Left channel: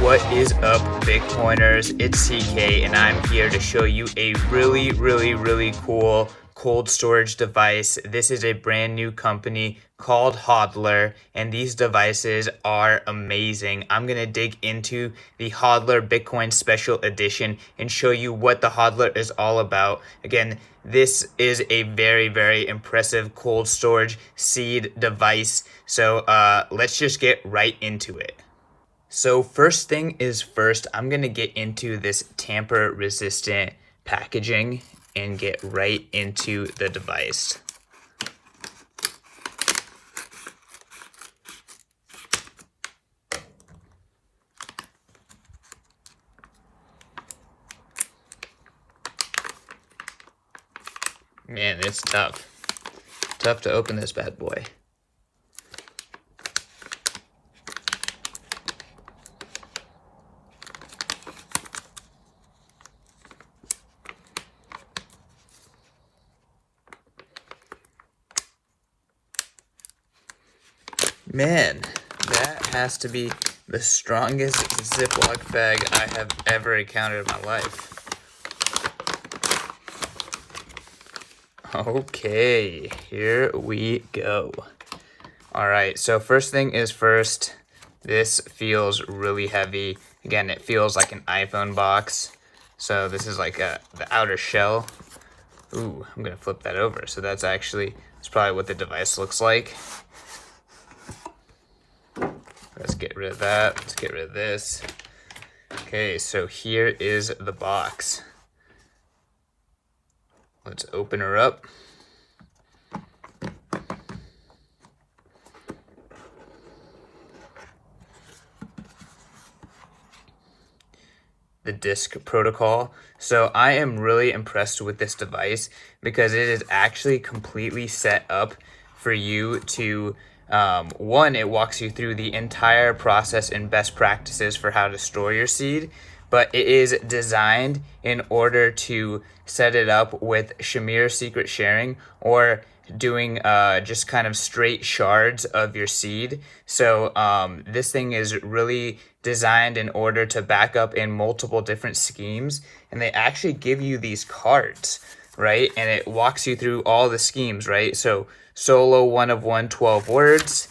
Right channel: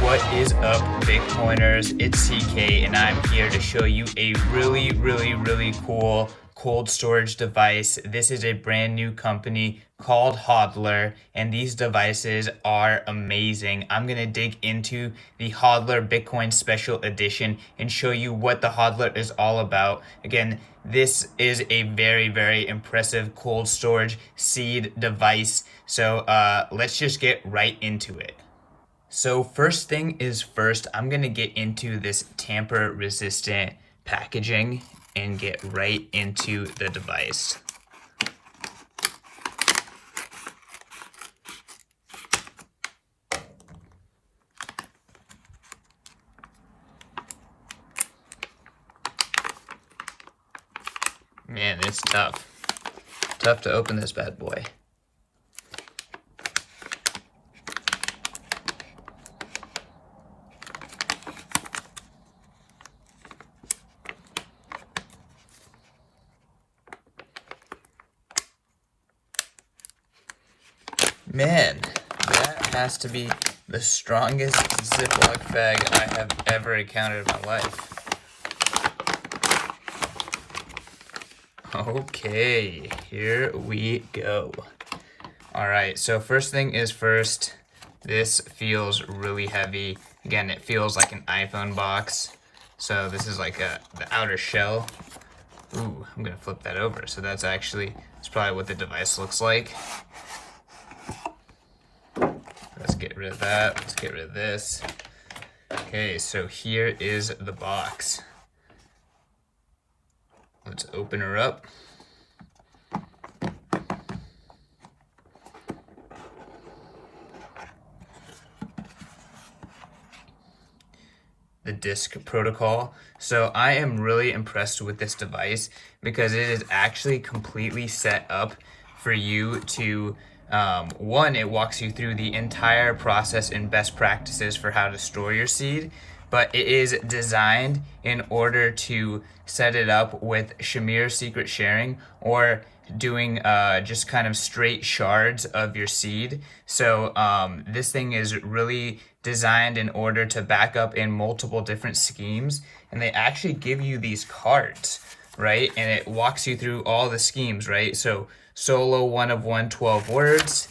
What is up, Bitcoiners? It's CK, and I'm here to show you a really cool cold storage device. This is a brand new company called Hodlr, and these devices are amazing. I'm going to dig into the Hodlr Bitcoin Special Edition and show you what the Hodlr is all about. Again, this is a very impressive cold storage seed device. So let's just get right into it. So first thing is first, I'm going to get into this tamper resistant packaging and get right into the device. Man, it's tough. Tough to open this bad boy. Man, that has to be the strongest Ziploc bag I have ever encountered in my life. Okay, here we go. All right, so first thing is first, this feels really heavy. Again, it feels like an iPhone box. So this is like the outer shell. Ooh, I'm gonna flip that over. So that's probably what the device looks like. Let's get rid of that. Let's get rid of this. Okay, so here is the box. Let's open her up. The disk protocol. So I am really impressed with this device because it is actually completely set up for you to one, it walks you through the entire process and best practices for how to store your seed, but it is designed in order to set it up with Shamir secret sharing or doing just kind of straight shards of your seed. So this thing is really designed in order to back up in multiple different schemes, and they actually give you these cards, right? And it walks you through all the schemes, right? So solo 1 of 1, 12 words.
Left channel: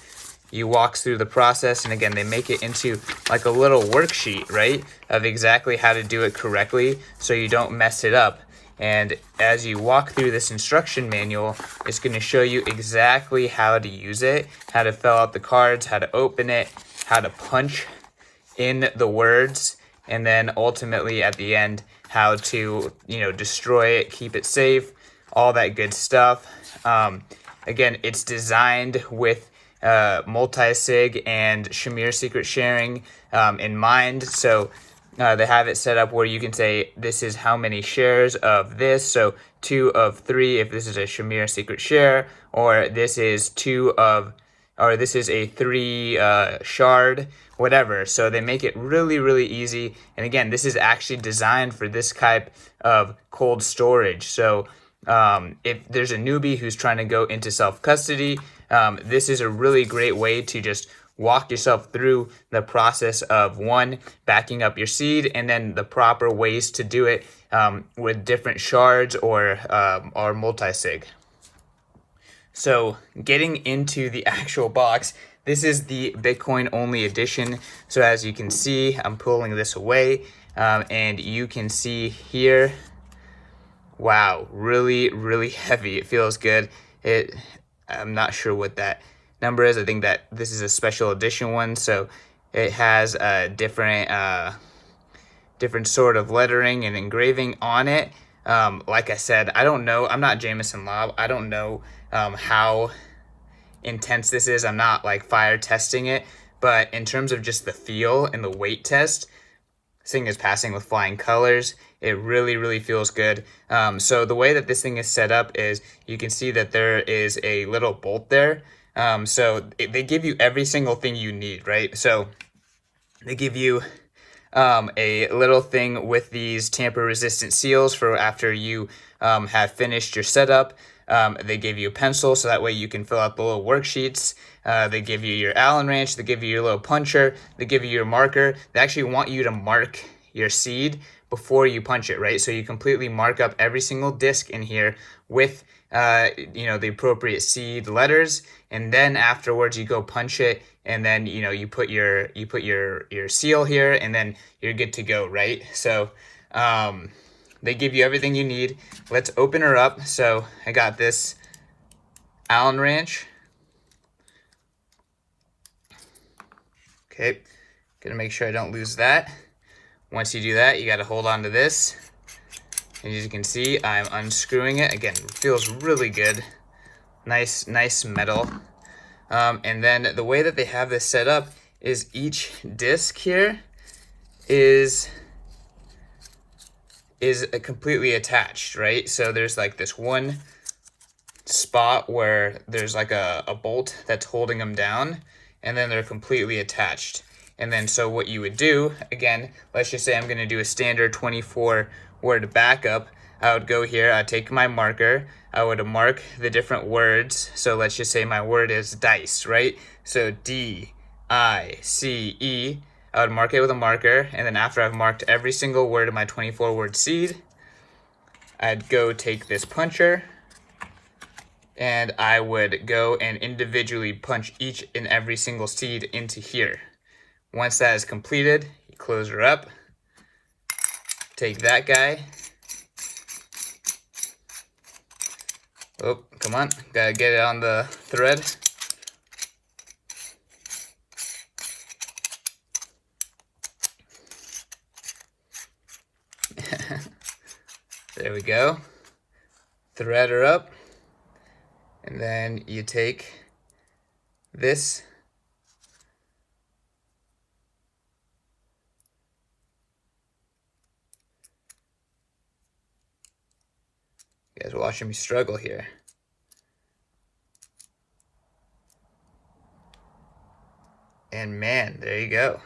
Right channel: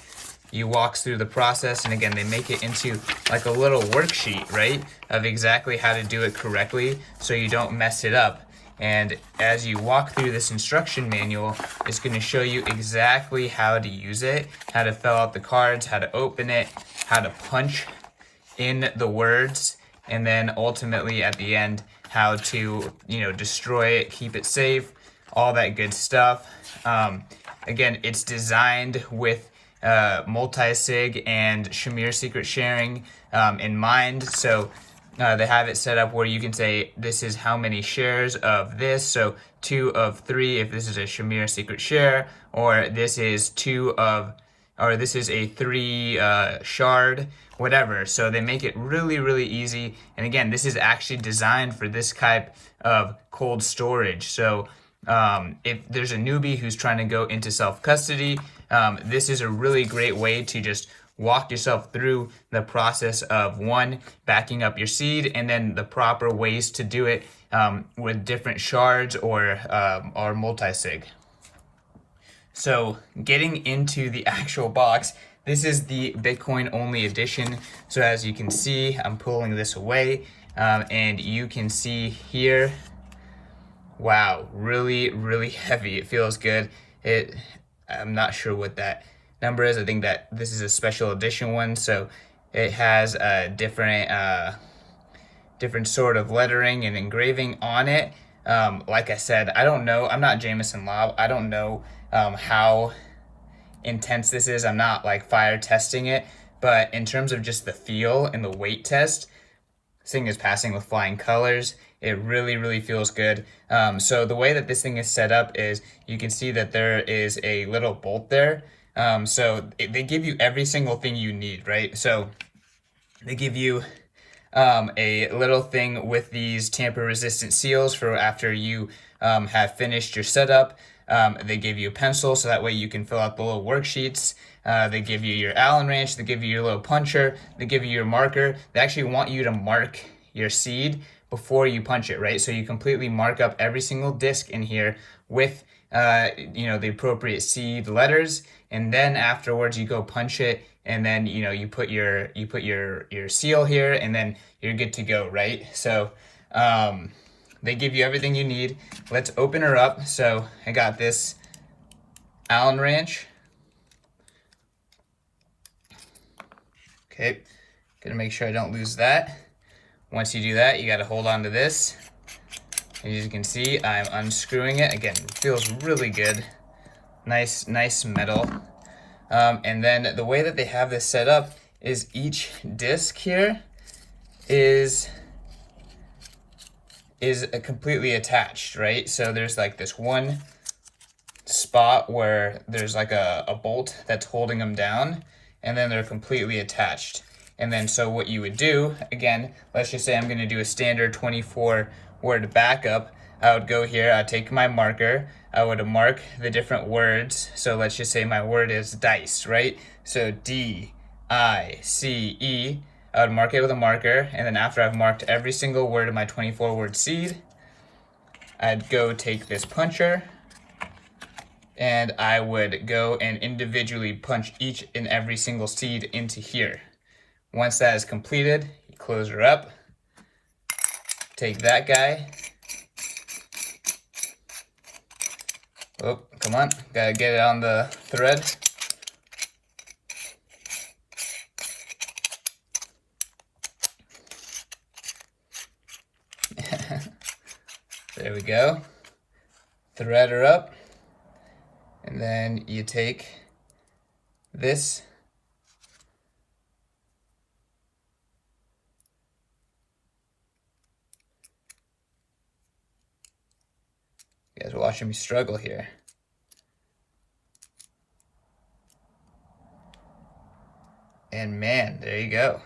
You walks through the process, and again, they make it into like a little worksheet, right? Of exactly how to do it correctly so you don't mess it up. And as you walk through this instruction manual, it's going to show you exactly how to use it, how to fill out the cards, how to open it, how to punch in the words, and then ultimately at the end, how to, destroy it, keep it safe, all that good stuff. Again, it's designed with multi-sig and Shamir secret sharing in mind. So they have it set up where you can say this is how many shares of this. So 2 of 3 if this is a Shamir secret share, or this is this is a 3 shard, whatever. So they make it really easy. And again, this is actually designed for this type of cold storage. So if there's a newbie who's trying to go into self-custody, this is a really great way to just walk yourself through the process of one, backing up your seed, and then the proper ways to do it with different shards or multi-sig. So getting into the actual box, this is the Bitcoin only edition. So as you can see, I'm pulling this away and you can see here, wow, really heavy. It feels good. I'm not sure what that number is. I think that this is a special edition one, so it has a different sort of lettering and engraving on it. Like I said, I don't know. I'm not Jameson Lobb. I don't know how intense this is. I'm not like fire testing it, but in terms of just the feel and the weight test, this thing is passing with flying colors. It really feels good. So the way that this thing is set up is you can see that there is a little bolt there. They give you every single thing you need, right? So they give you a little thing with these tamper resistant seals for after you have finished your setup. They give you a pencil so that way you can fill out the little worksheets. They give you your Allen wrench. They give you your little puncher. They give you your marker. They actually want you to mark your seed before you punch it, right? So you completely mark up every single disc in here with the appropriate seed letters, and then afterwards you go punch it, and then you put your seal here, and then you're good to go, right? So they give you everything you need. Let's open her up. So I got this Allen wrench. Okay, gonna make sure I don't lose that. Once you do that, you got to hold on to this. As you can see, I'm unscrewing it. Again, it feels really good. Nice metal. And then the way that they have this set up is each disc here is completely attached, right? So there's like this one spot where there's like a bolt that's holding them down, and then they're completely attached. And then so what you would do, again, let's just say I'm going to do a standard 24-word backup. I would go here, I'd take my marker, I would mark the different words. So let's just say my word is dice, right? So D-I-C-E. I would mark it with a marker, and then after I've marked every single word of my 24-word seed, I'd go take this puncher, and I would go and individually punch each and every single seed into here. Once that is completed, you close her up, take that guy. Oh, come on, gotta get it on the thread. There we go. Thread her up, and then you take this you guys are watching me struggle here. And man, there you go.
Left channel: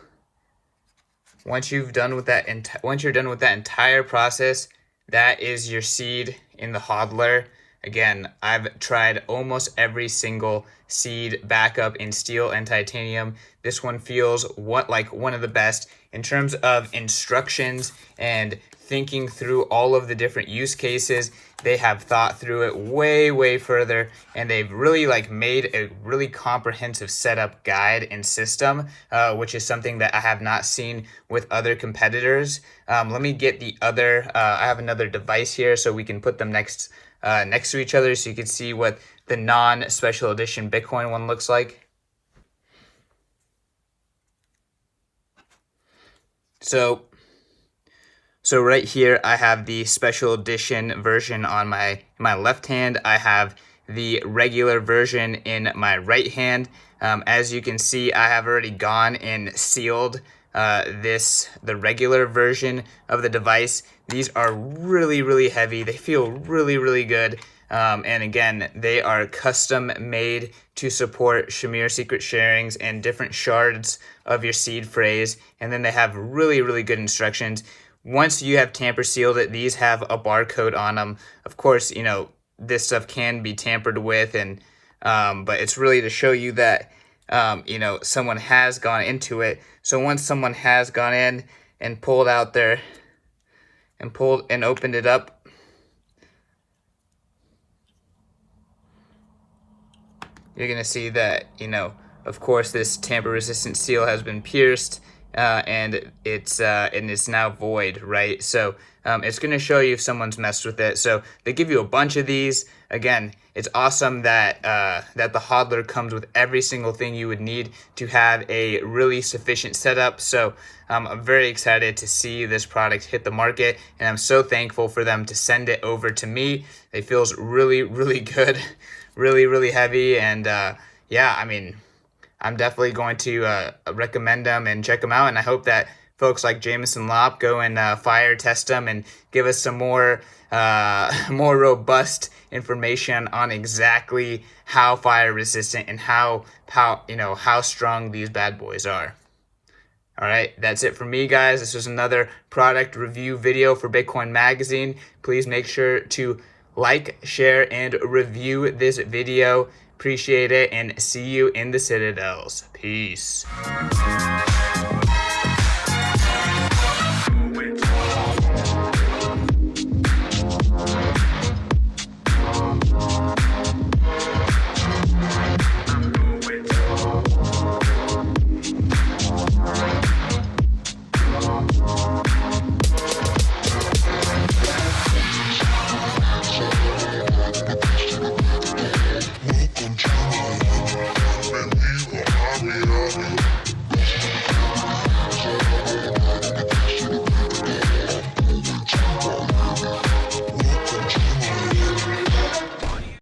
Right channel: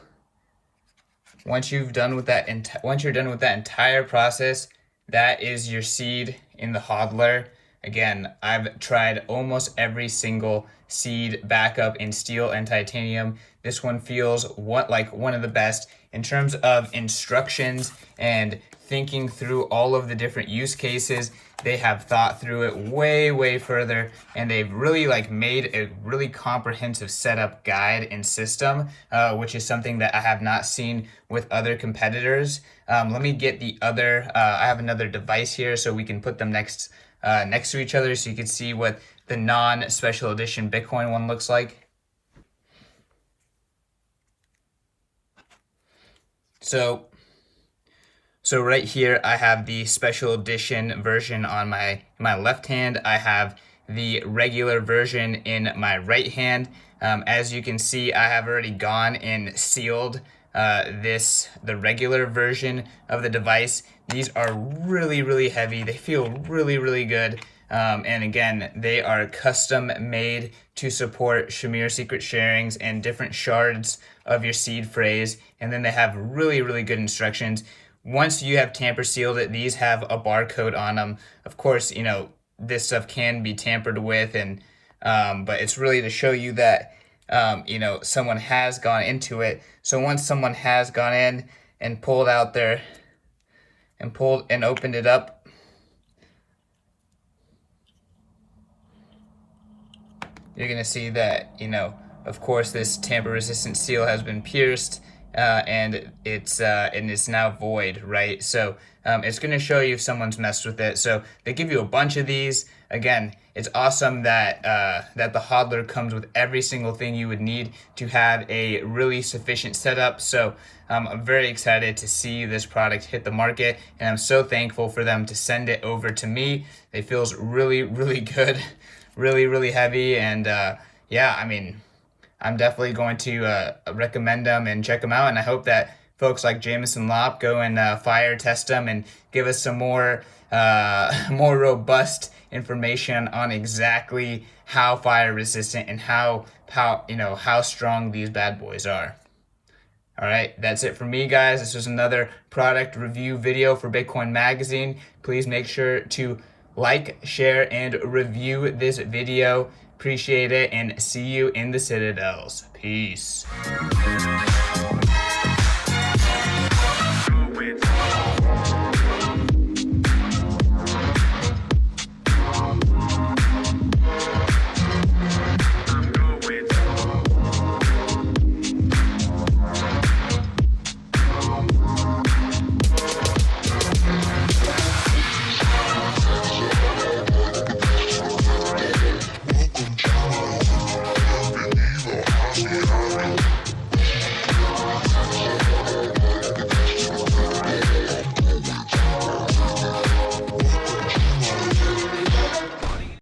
Once you're done with that entire process, that is your seed in the Hodlr. Again, I've tried almost every single seed backup in steel and titanium. This one feels like one of the best in terms of instructions and thinking through all of the different use cases. They have thought through it way further, and they've really made a really comprehensive setup guide and system, which is something that I have not seen with other competitors. Let me get the other, I have another device here so we can put them next to each other so you can see what the non-special edition Bitcoin one looks like. So right here, I have the special edition version on my left hand. I have the regular version in my right hand. As you can see, I have already gone and sealed the regular version of the device. These are really heavy. They feel really good. And again, they are custom made to support Shamir secret sharings and different shards of your seed phrase. And then they have really good instructions. Once you have tamper sealed it, these have a barcode on them. Of course, this stuff can be tampered with, and but it's really to show you that someone has gone into it. So once someone has gone in and pulled out their and opened it up, you're gonna see that of course this tamper resistant seal has been pierced. And it's now void, right? So it's going to show you if someone's messed with it. So they give you a bunch of these. Again, it's awesome that the Hodlr comes with every single thing you would need to have a really sufficient setup. So I'm very excited to see this product hit the market, and I'm so thankful for them to send it over to me. It feels really good, really heavy, and yeah, I mean, I'm definitely going to recommend them and check them out, and I hope that folks like Jameson Lopp go and fire test them and give us some more robust information on exactly how fire resistant and how strong these bad boys are. All right, that's it for me, guys. This was another product review video for Bitcoin Magazine. Please make sure to like, share, and review this video. Appreciate it, and see you in the Citadels. Peace.